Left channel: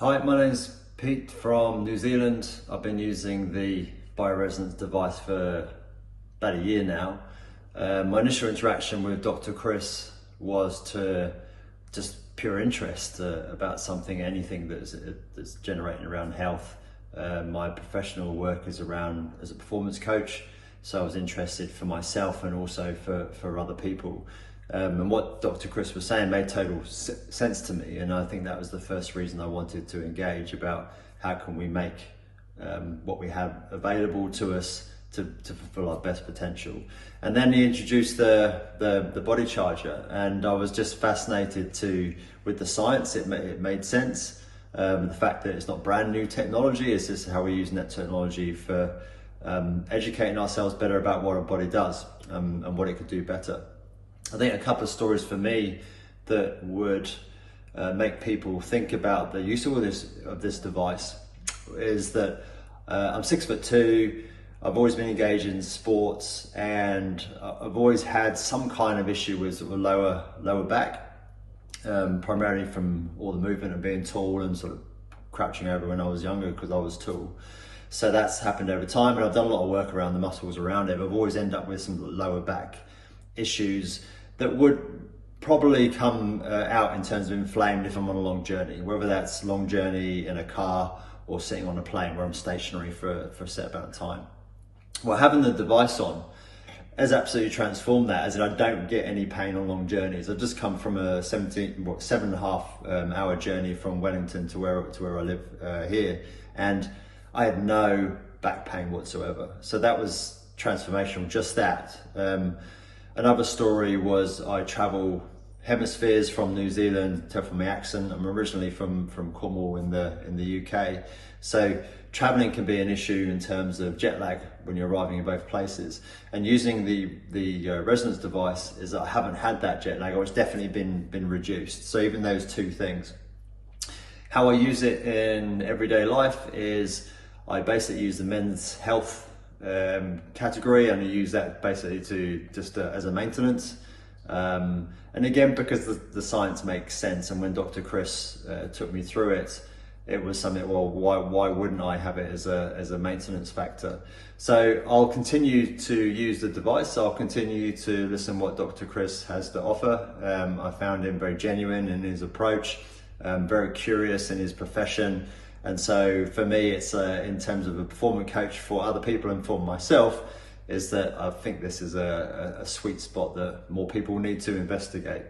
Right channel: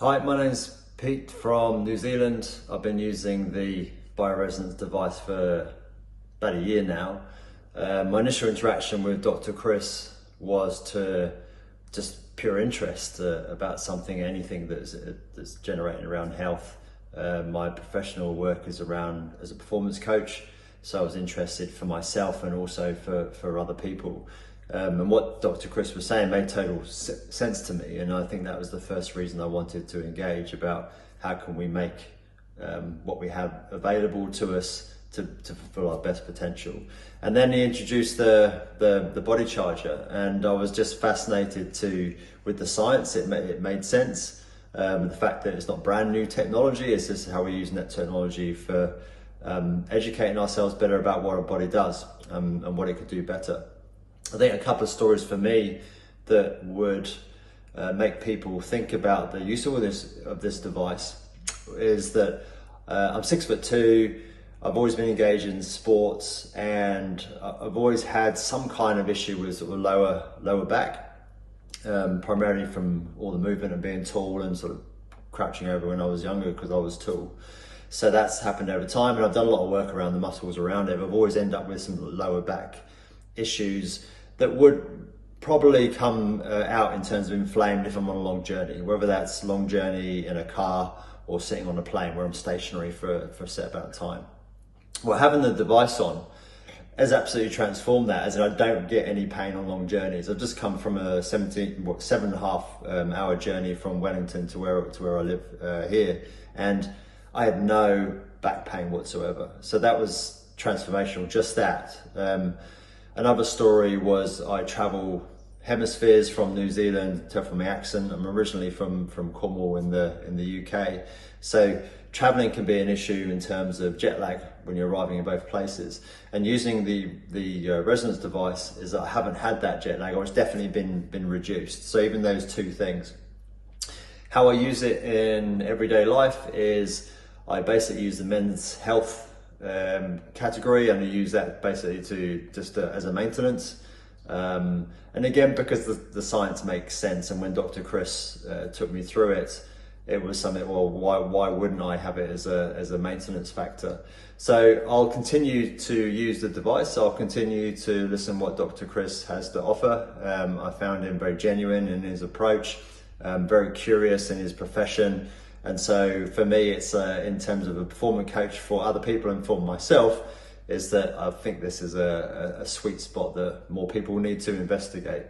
Hi, my name's Pete from New Zealand. I've been using the bioresonance device for about a year now. My initial interaction with Dr. Chris was to just pure interest about anything that's generating around health. My professional work is around as a performance coach, so I was interested for myself and also for other people. And what Dr. Chris was saying made total sense to me, and I think that was the first reason I wanted to engage about how can we make what we have available to us to fulfill our best potential. And then he introduced the body charger, and I was just fascinated with the science. It made sense. The fact that it's not brand new technology, it's just how we're using that technology for educating ourselves better about what our body does and what it could do better. I think a couple of stories for me that would make people think about the use of this device is that I'm 6'2". I've always been engaged in sports, and I've always had some kind of issue with sort of lower back, primarily from all the movement and being tall and sort of crouching over when I was younger because I was tall. So that's happened over time, and I've done a lot of work around the muscles around it. But I've always ended up with some lower back issues that would probably come out in terms of inflamed if I'm on a long journey, whether that's long journey in a car or sitting on a plane where I'm stationary for a set amount of time. Well, having the device on has absolutely transformed that, as in I don't get any pain on long journeys. I've just come from a 7.5 hour journey from Wellington to where I live here, and I had no back pain whatsoever. So that was transformational, just that. Another story was I travel hemispheres from New Zealand. Tell from my accent, I'm originally from Cornwall in the UK. So traveling can be an issue in terms of jet lag when you're arriving in both places. And using the resonance device is that I haven't had that jet lag, or it's definitely been reduced. So even those two things. How I use it in everyday life is I basically use the men's health category, and I use that basically to just as a maintenance, and again because the science makes sense. And when Dr. Chris took me through it, it was something, well, why wouldn't I have it as a maintenance factor? So I'll continue to use the device. I'll continue to listen what Dr. Chris has to offer. I found him very genuine in his approach, very curious in his profession. And so for me, it's in terms of a performance coach for other people and for myself, is that I think this is a sweet spot that more people need to investigate.